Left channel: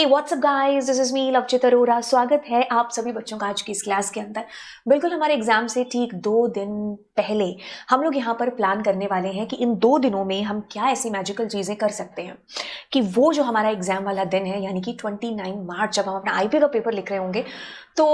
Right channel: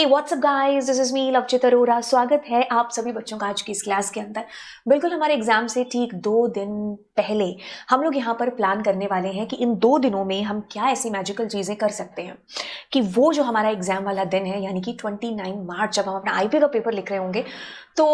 Hey WhatsApp guys, this is me Lavchit Arora. स्वागत है आप सभी बच्चों का आज की इस क्लास के अंदर। बिल्कुल हमारे एग्जाम से ठीक 2 दिन पहले हम लोग यहाँ पर प्लान करने वाले हैं कि इन 2 दिनों में हम क्या ऐसी मैजिकल चीज़ें कर सकते हैं कि वो जो हमारा एग्जाम वाला दिन है, यानी कि 29 मार्च जब हम अपना आईपी का पेपर लिख रहे होंगे, तो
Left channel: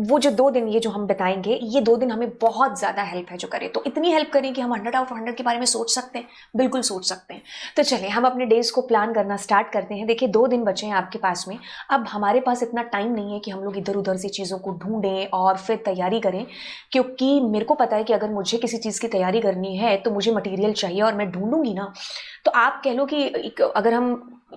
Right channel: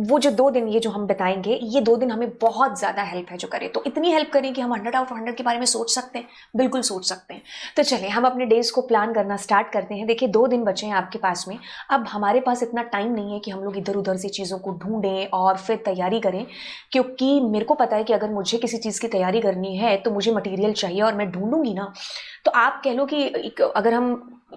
वो जो 2 दिन ये जो हम बताएंगे, ये 2 दिन हमें बहुत ज़्यादा हेल्प है जो करे। तो इतनी हेल्प करें कि हम 100 के बारे में सोच सकते हैं, बिल्कुल सोच सकते हैं। तो चलिए हम अपने डेज को प्लान करना स्टार्ट करते हैं। देखिए 2 दिन बचे हैं आपके पास में। अब हमारे पास इतना टाइम नहीं है कि हम लोग इधर उधर से चीज़ों को ढूंढें और फिर तैयारी करें, क्योंकि मेरे को पता है कि अगर मुझे किसी चीज़ की तैयारी करनी है तो मुझे मटेरियल चाहिए और मैं ढूंढूंगी ना। तो आप कह लो कि अगर हम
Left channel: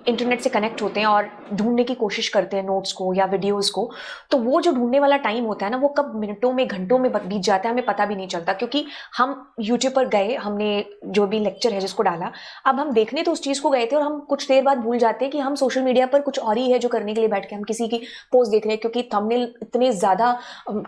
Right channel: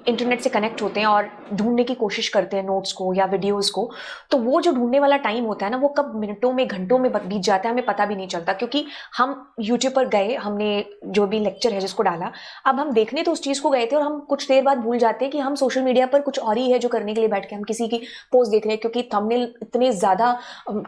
इंटरनेट से कनेक्ट होते हैं और ढूंढने की कोशिश करते हैं नोट्स को या वीडियोस को, तो वो जो ढूंढने वाला टाइम होता है ना, वो कब मिनटों में घंटों में बीत जाता है, हमें पता भी नहीं चलता। क्योंकि हम यूट्यूब पर गए, हमने जो भी लेक्चर है जिसको डाला, अब हम देखने तो उस चीज़ को गए थे और हम कुछ देर बाद भूल जाते हैं कि हम सोशल मीडिया पर कुछ और ही है जो करने के लिए बैठ के हम किसी की पोस्ट देख रहे हैं। क्योंकि थंबनेल इतने ज़्यादा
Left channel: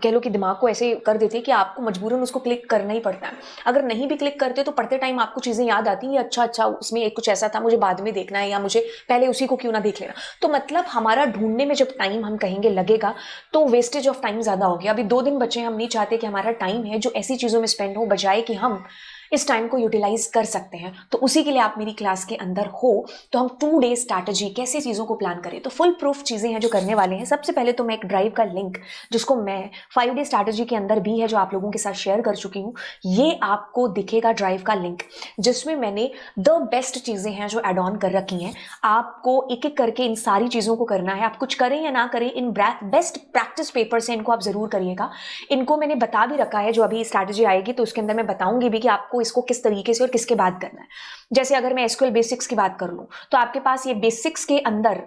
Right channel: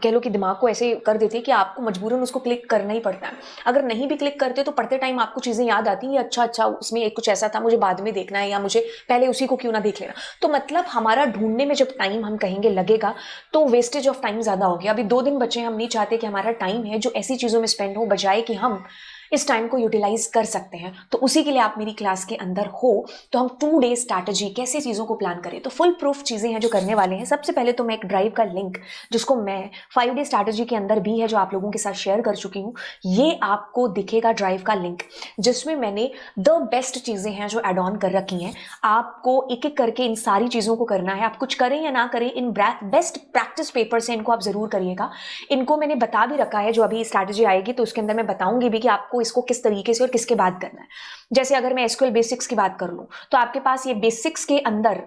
कह लो कि दिमाग को ऐसे कर देते हैं कि आपको मजबूरन उसको क्लिक करना ही पड़ता है। अगर नहीं भी क्लिक करते तो पढ़ते टाइम आपको चीज़ें याद आती हैं, अच्छा अच्छा उसमें कुछ ऐसा था, मुझे बाद में देखना है, या मुझे पहले उसी को क्यों ना देख लेना। तो मतलब हमारा ढूंढने में जब टाइम हम कहेंगे लगेगा, तो वेस्टेज ऑफ टाइम ज़्यादा हो गया। अभी 2 दिन बचे हैं, हम नहीं चाहते कि हमारा टाइम है जो ऐसी चीज़ों में स्पेंड हो, बजाय कि हम इस टाइम को यूटिलाइज कर सकते हैं। तो उसी के लिए आप मेरी क्लास के अंदर हो। तो हम 2 डे स्ट्रैटेजी कैसे चीज़ों को प्लान करें, तो फुल प्रूफ चीज़ें हैं जो करने वाले हैं। सबसे पहले तो मैं एक ड्राइव का लिंक, जिसको मैं 5 डे स्ट्रैटेजी के अंदर भी है जो आप लोगों के साथ शेयर कर चुकी हूँ, ये आपको दिखेगा ड्राइव का लिंक, जिसमें मैंने द बेस्ट चीज़ें हैं जो एड ऑन कर रखी हैं। आपको एक एक करके इन सारी चीज़ों को करना है। आप कुछ करें या ना करें, इन बेस्ट प्रैक्टिस पेपर से इनको आप ज़रूर करिएगा। इनको मैंने बता भी रखा है, जो अभी स्ट्रैटेजी आएगी तो उसके अंदर मैं बताऊंगी भी कि आपको इसको किस तरीके से और किसके बाद करना है। जैसे अगर मैं एसक्यूएल बेसिक्स की बात कर लूँ, तो आपके पास ये बेसिक्स के अंदर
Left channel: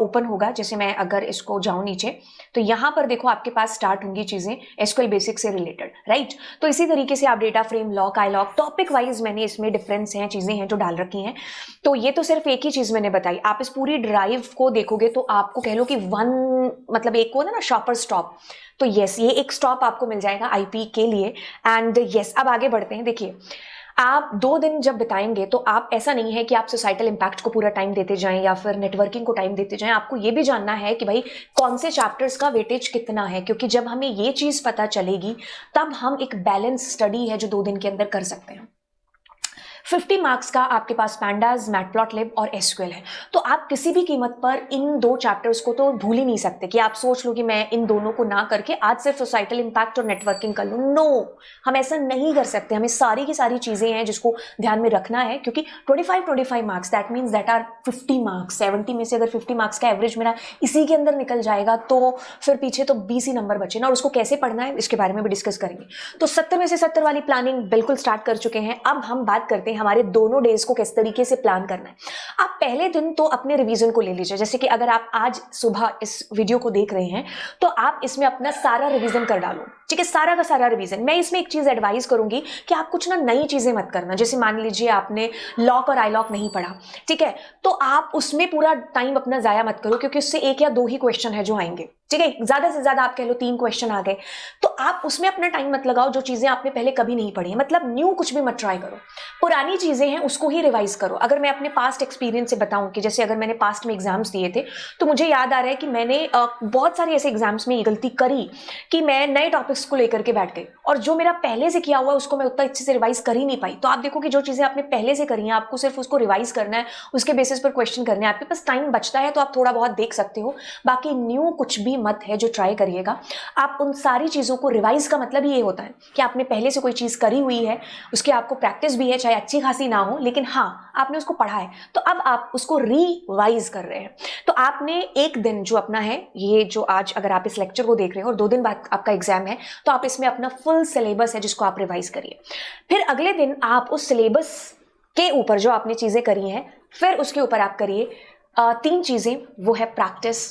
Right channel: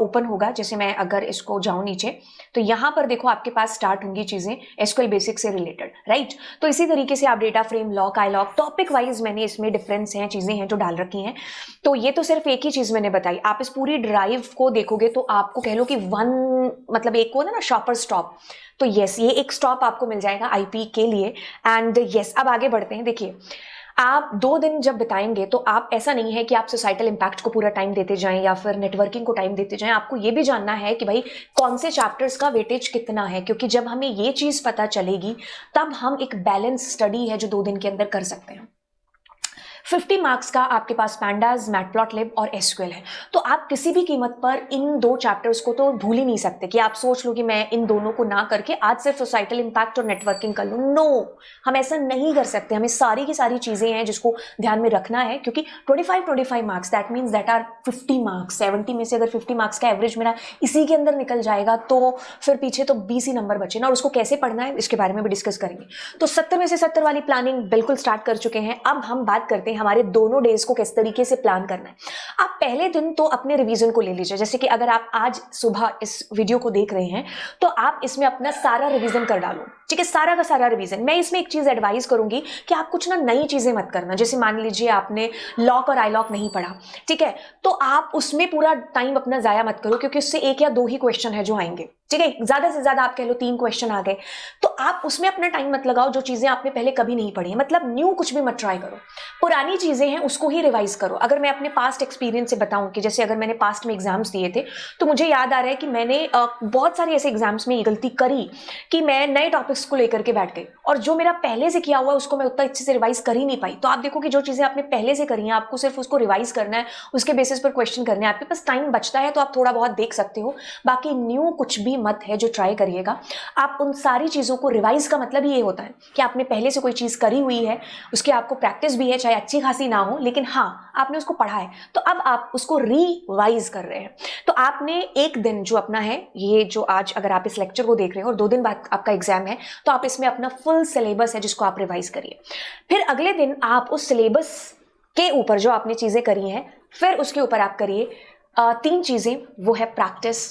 ओपन होगा। जैसे मैं अगर इसको जाऊँ नीचे, तो यहाँ पर देखो आपके पास स्टार्ट होंगी चीज़ें एसक्यूएल बेसिक्स से रिलेटेड, राइट। तो इसी तरीके से आप डेटा फ्रेम, लॉक, आई लॉक, टॉपिक वाइज मैंने इसमें डिफरेंस हैं, चीज़ें हैं जो डाल रखी हैं। तो ये तो सिर्फ एक ही चीज़ मैंने बताई। आप इस पूरी ड्राइव को देखोगे तो आपको कह लो कि मतलब एक को ना शॉपर स्टॉप, तो यस ये एक स्टॉप आपको मिल जाएगा आईपी के लिए। एंड यस अब आगे बढ़ते हैं। देखिए आप 2 दिन जब बिताएंगे तो आप, ऐसा नहीं है कि आप सोसाइटल इम्पैक्ट को पूरा टाइम देते जाएं या फिर नेटवर्किंग को टाइम देते जाएं। आपको ये भी जानना है कि भाई कौन से चैप्टर्स का वेटेज कितना है, क्योंकि जब हमें ये चीज पता चलेगी तब हम एक बैलेंस स्टडी है जो 2 दिन के अंदर कर सकते हैं। 50 मार्क्स का आपके पास पैंडास, मैटप्लॉटलिब और एसक्यूएल है। तो आप किसी भी कीमत पर इन 2 चैप्टर्स को तो भूल ही नहीं सकते कि आप सोच लो कि मैं इन दोनों को ना करके आज सिर्फ सोसाइटल इम्पैक्ट और नेटवर्किंग कर लूँ। नो, हम ऐसा नहीं कर सकते। हमें सारी की सारी चीजें हैं जिसको ध्यान में रखना है, क्योंकि 25 marks that means that are 50 marks. 70 में से अगर 50 मार्क्स का एवरेज मेरा इसी के अंदर निकल जाएगा तो फिर पीछे तो 20 ही नंबर बचे ना, और उसको कैसे पढ़ना है इसके बारे में भी डिस्कस करेंगे। तो 70 में से 70 वाली प्लानिंग बिल्कुल स्टार्ट कर चुके हैं। अब हम बात करते हैं हमारे दोनों डेज को किस तरीके से प्लान करना है। आप पहले दिन तो अपने रिवीजन को ले लीजिए। जैसे कि अगर आप आज सुबह इस वीडियो को देख रहे हैं तो आप इसमें अपना सारा रिवीजन कर डालो, ठीक है, सारा का सारा रिवीजन। मैं इसमें एक चीज एडवाइस करूंगी कि आप कुछ ना नई चीजें मत करना। जैसे मान लीजिए आपने लॉक और आई लॉक नहीं पढ़ा, ठीक है, तो आप उसमें पूरा टाइम अपना जाया मत करो, क्योंकि उससे 1 या 2 ही क्वेश्चन है जो आएंगे, ठीक है, ज्यादा से ज्यादा आप कह लो 3 क्वेश्चन आ गए। तो आप उसमें अपना टाइम मत लगाओ जो चीजें आपने पहले कभी नहीं पढ़ी। मतलब न्यू कुछ भी मत ट्राई करो, पुरानी चीजें हैं उसको ही रिवाइज करो। अगर मैं अपने पास्ट एक्सपीरियंस से बताऊं कि जैसे अगर मैंने पास्ट में एग्जाम्स दिए थे, तो मुझे याद आ रहा है कि मैंने बहुत सारे ऐसे एग्जाम्स में ये गलती करी कि मैं नए टॉपिक्स को लेकर के बैठ गई, और जो मेरा पहले से किया हुआ उसको मैं उतना अच्छे से रिवाइज कर ही नहीं पाई। तो आप देखो कि जो चीजें आपने पहले से करी हैं, आपको सिर्फ उसको रिवाइज करना है, उसके बेसिस पर क्वेश्चन करने हैं। आपके पास टाइम बचता है तो आप थोड़ा बहुत देख सकते हो, बाकी न्यू कुछ भी मत है जो ट्राई करिएगा। आप उन सारी चीजों को रिवाइज का मतलब ये होता है कि आपने पहले से कोई चीज करी हुई है, उसकी आपको प्रैक्टिस भी है, चाहे अच्छी खासी ना हो, लेकिन हाँ आपने उसको पढ़ा है, तो अब आप उसको रिवाइज कर रहे हैं। तो आपने एक दिन जो अपना है, ये जो आज अगर आप इस लेक्चर को देख रहे हो और 2 दिन बाद आपका एग्जाम है, तो आप इसमें अपना फुल सिलेबस है जिसको आप रिवाइज करिए। फिर अगले दिन आप उस सिलेबस के ऊपर जो आपने चीजें करी हैं, फिर उसके ऊपर आप करिए 3 चीजें। वो है प्रैक्टिस,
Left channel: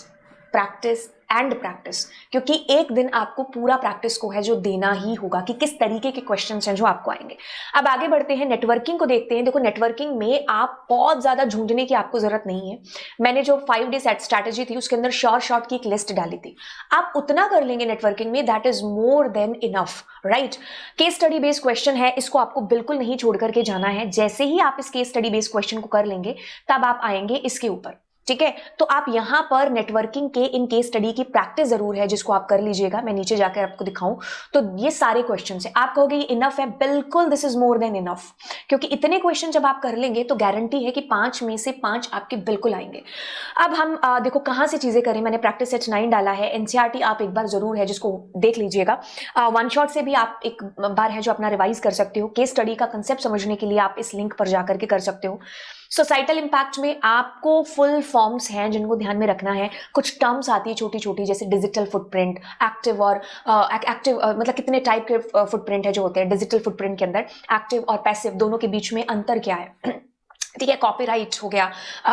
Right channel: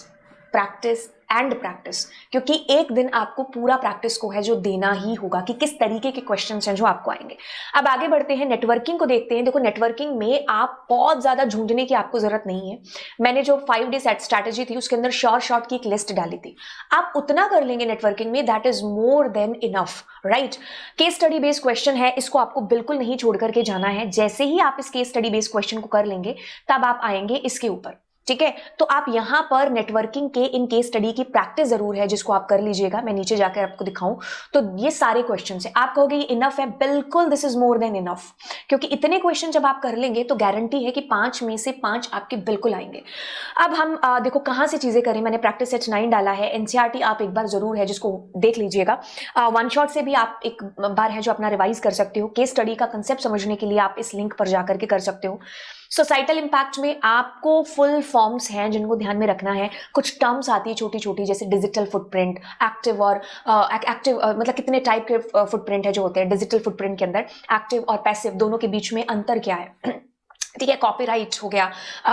प्रैक्टिस एंड प्रैक्टिस, क्योंकि एक दिन आपको पूरा प्रैक्टिस को है जो देना ही होगा कि किस तरीके के क्वेश्चंस हैं जो आपको आएंगे। अब आगे बढ़ते हैं, नेटवर्किंग को देखते हैं। देखो नेटवर्किंग में आप बहुत ज्यादा झूंझने की आपको जरूरत नहीं है। मैंने जो 5 डे सेट स्ट्रैटेजी थी उसके अंदर शॉर्ट की एक लिस्ट डाली थी। आप उतना कर लेंगे नेटवर्किंग में, that is more than enough, right. Case study based question है, इसको आपको बिल्कुल नहीं छोड़ करके जाना है। जैसे ही आप इस केस स्टडी बेस्ड क्वेश्चन को कर लेंगे तब आप आएंगे इसके ऊपर, ठीक है। तो आप यहाँ पर नेटवर्किंग के इन केस स्टडी की प्रैक्टिस जरूर है जिसको आप कर लीजिएगा। मैं नीचे जाकर आपको दिखाऊं तो ये सारे क्वेश्चन है, आप कहोगे इनफ है, बिल्कुल this is more than enough, क्योंकि इतने क्वेश्चन जब आप कर लेंगे तो गारंटी है कि 5 में से 5 आपके बिल्कुल आएंगे। अब हम देखो कहाँ से चीजें करें। मैंने प्रैक्टिस सेट 9 डाला है, एनसीईआरटी आप एक बार जरूर है जिसको देख लीजिएगा। वन शॉट से भी आप एक बार है जो अपना रिवाइज कर सकते हो। केस स्टडी का कंसेप्ट समझने के लिए आप इस लिंक पर जाकर के कर सकते हो। सोसाइटल इम्पैक्ट में आपको फुल फॉर्म्स हैं जिनको ध्यान में रखना है। कुछ टर्म्स आती है छोटी छोटी, जैसे डिजिटल फुटप्रिंट, एक्टिव और एक्टिव मतलब कितने टाइप के फुटप्रिंट है जो होते हैं डिजिटल फुटप्रिंट के अंदर। एक्टिव और पैसिव दोनों के बीच में अंतर क्या है, ठीक है। कॉपीराइट हो गया,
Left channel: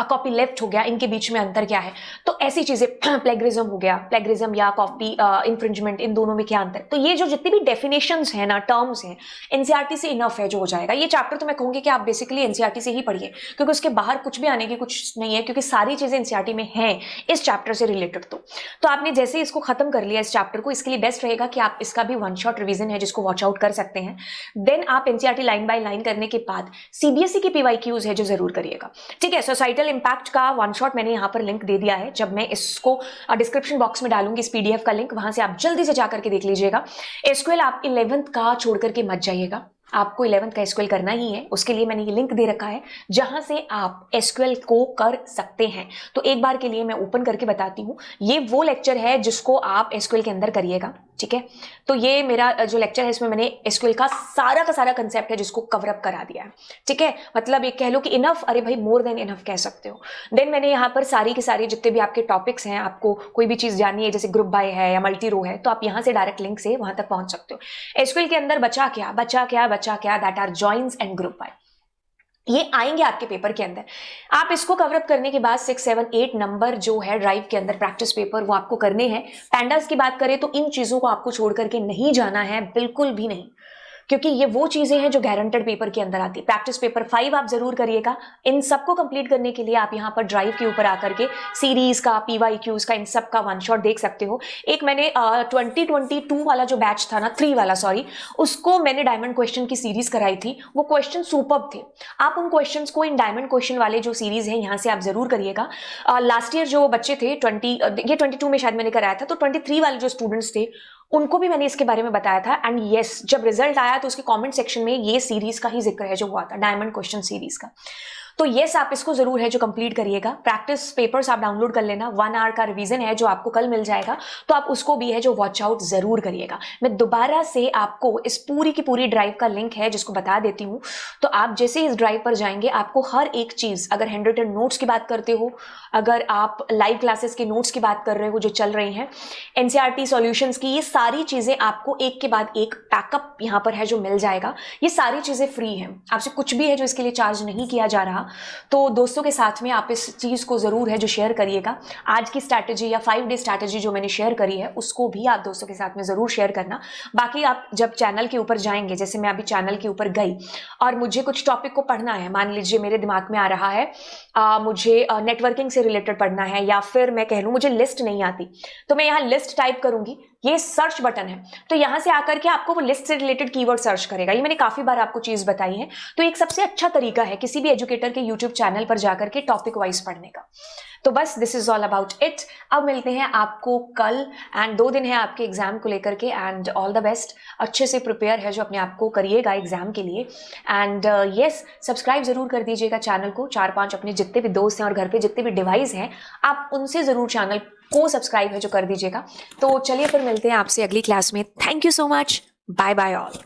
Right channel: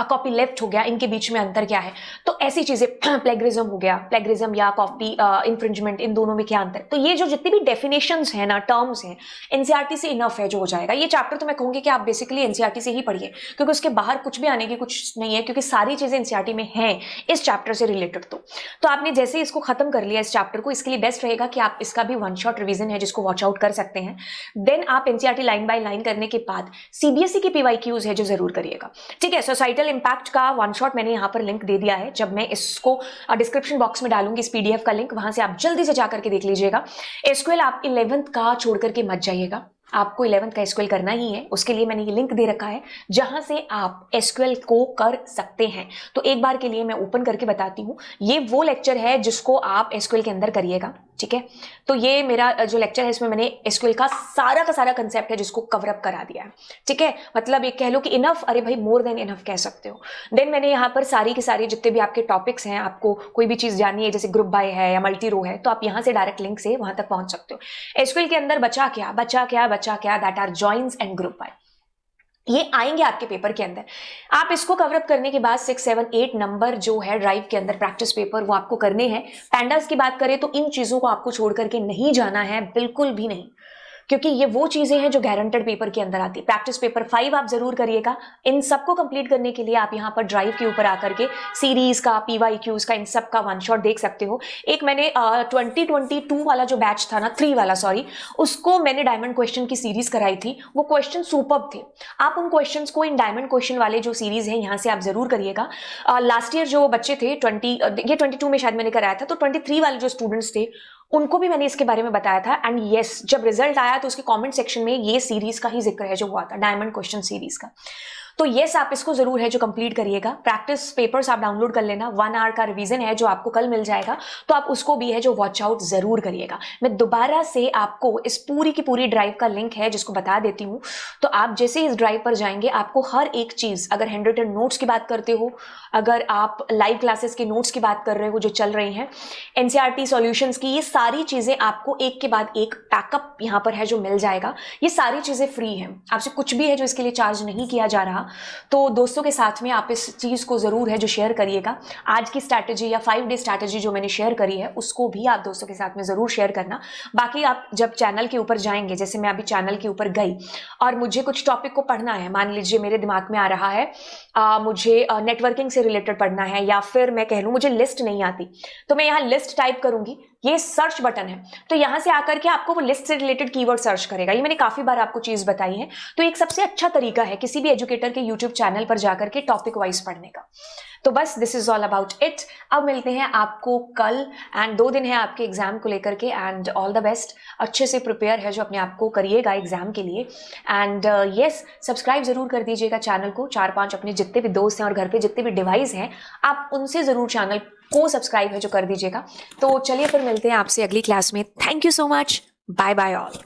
कॉपी लेफ्ट हो गया, इनके बीच में अंतर क्या है। तो ऐसी चीजें, प्लेगरिज्म हो गया, प्लेगरिज्म या कॉपी इंफ्रिंजमेंट, इन दोनों में क्या अंतर। तो ये जो जितनी भी डेफिनेशंस है ना, टर्म्स हैं, एनसीईआरटी से इनफ है जो हो जाएगा। ये चैप्टर तो मैं कहूंगी कि आप बेसिकली एनसीईआरटी से ही पढ़िए, क्योंकि उसके बाहर कुछ भी आने की कुछ नहीं है, क्योंकि सारी चीजें एनसीईआरटी में हैं इस चैप्टर से रिलेटेड। तो आपने जैसे इसको खत्म कर लिया इस चैप्टर को, इसके लिए बेस्ट रहेगा कि आप इसका भी वन शॉट रिवीजन है जिसको वॉच आउट कर सकते हैं। देन आप एनसीईआरटी लाइन बाय लाइन करने के बाद सीबीएसई की पीवाईक्यूज है जो जरूर करिएगा, ठीक है। सोसाइटल इम्पैक्ट का वन शॉट मैंने यहाँ पर लिंक दे दिया है, जब मैं इसको डिस्क्रिप्शन बॉक्स में डालूंगी इस पीडीएफ का लिंक, वहां से आप जल्दी से जाकर के देख लीजिएगा। एसक्यूएल आप 11th का छोड़ करके मत जाइएगा, आपको 11th का एसक्यूएल करना ही है। उसके लिए मैंने ये लिंक दे रखा है जहां से आप एसक्यूएल को कर सकते हैं। तो एक बार के लिए मैं ओपन करके बताती हूँ, ये वो लेक्चर है जिसको आप एसक्यूएल के अंदर करिएगा, ठीक है। तो ये मेरा जो लेक्चर है इसमें मैंने एसक्यूएल का सारा कंसेप्ट है जिसको कवर अप करा दिया है, ठीक है। मतलब एक कह लो कि इनफ, अरे भाई मोर देन इनफ कह सकते हो। देन मैंने यहाँ पर सारी की सारी जितने भी आपके टॉपिक्स हैं, आपको कोई भी चीज जाननी है जैसे ग्रुप बाय है या मल्टी रो है, तो आप यहाँ से डायरेक्ट लिंक से वहां तक पहुंच सकते हो। एसक्यूएल के अंदर बचा क्या that are joins and group by, ये आएंगे आपके पेपर के अंदर। आप इसको कवर अप करने के बाद 6, 7, 8 नंबर जो है ड्राइव के अंदर प्रैक्टिस पेपर वो आपको करने हैं। पैंडास की बात करें तो इन चीजों को आपको छोड़ करके नहीं जाना है, बिल्कुल भी नहीं, क्योंकि ये वो चीजें हैं जो गारंटेड पेपर के अंदर आती है। प्रैक्टिस पेपर 5 आप जरूर करिएगा। इन सबको कंप्लीट करने के लिए आप यहाँ पर ड्राइव के ऊपर आकर के सीरीज का, पीवाईक्यूज का, इन सब का वन शॉट देख सकते हो। एक मैंने 2022 वाला जो बैच था ना, 3 वाला सॉरी, उसको मैंने डायमंड क्वेश्चन की सीरीज कराई थी। वो क्वेश्चन सुपर्ब थे। आप उन क्वेश्चंस को इन डायमंड क्वेश्चन वाले जो सीरीज है यहाँ से आप जरूर करिएगा। लास्ट ईयर जो बच्चे थे ये 22 में शायद मैंने कराया था, तो 23 वाले जो स्टूडेंट्स थे उनको भी मैंने इसके बारे में बताया था। एंड यस, जब रिजल्ट आया तो उसके कमेंट सेक्शन में ये सीरीज का ही जिक्र है जो हुआ था, डायमंड क्वेश्चन सीरीज का। तो यस, आप इसको जरूर है जो कंप्लीट करिएगा। प्रैक्टिस पेपर्स आप डाउनलोड कर लेना, 1 आवर का रिवीजन है जो आपको कल मिल जाएगा, तो आप उसको भी है जो वॉच आउट जरूर करिएगा। मैं दोबारा से आपको इस पूरी की पूरी ड्राइव का लिंक है जिसको बता देती हूँ। तो आप जैसे इस ड्राइव पर जाएंगे, आपको हर एक चीज, अगर हैंड रिटन नोट्स की बात करते हो, अगर आप लाइव क्लासेस के नोट्स की बात कर रहे हो जो चल रही हैं, एनसीईआरटी सॉल्यूशंस की, ये सारी चीजें आपको एक के बाद एक पैकअप यहाँ पर है जो मिल जाएगा। ये सारी चीजें फ्री हैं, आपसे कुछ भी है जो इसके लिए चार्ज नहीं किया जा रहा। तो दोस्तों के साथ में आप इस चीज को जरूर है जो शेयर करिएगा। आज की स्ट्रैटेजी या 5 डे स्ट्रैटेजी जो मैंने शेयर करी है उसको भी आप दोस्तों के साथ में जरूर शेयर करना। बाकी आप जब चैनल के ऊपर जाएंगे, जैसे मैं अभी चैनल के ऊपर गई और मुझे कुछ टॉपिक को पढ़ना है, मान लीजिए मेरे दिमाग में आ रहा है मुझे नेटवर्किंग से रिलेटेड पढ़ना है, या फिर मैं कह लूं मुझे लिस्ट नहीं आती, तो मैं यहाँ लिस्ट टाइप करूंगी, ये सर्च बटन है, तो यहां से आकर के आपको वो लिस्ट से रिलेटेड कीवर्ड सर्च करेगा। ये मैंने काफी बार आपको चीज बताई है। तो एक सबसे अच्छा तरीका है किसी भी एजुकेटर के यूट्यूब चैनल पर जाकर के टॉपिक वाइज पढ़ने का। तो बस this is all about it. अब मिलते हैं आपको कल, एंड 2 दिन है आपके एग्जाम को लेकर के, एंड ऑल द बेस्ट। अच्छे से प्रिपेयर है जो अपने आप को करिएगा एग्जाम के लिए। एंड यस, सब्सक्राइब जरूर कर दीजिएगा चैनल को। 4-5 अपने जितने भी दोस्त हैं और घर पे जितने भी डिवाइस हैं, आप उनसे जरूर चैनल को सब्सक्राइब है जो कर दीजिएगा। तो चलिए फिर मिलते हैं आपसे अगली क्लास में। Thank you so much, bye bye all.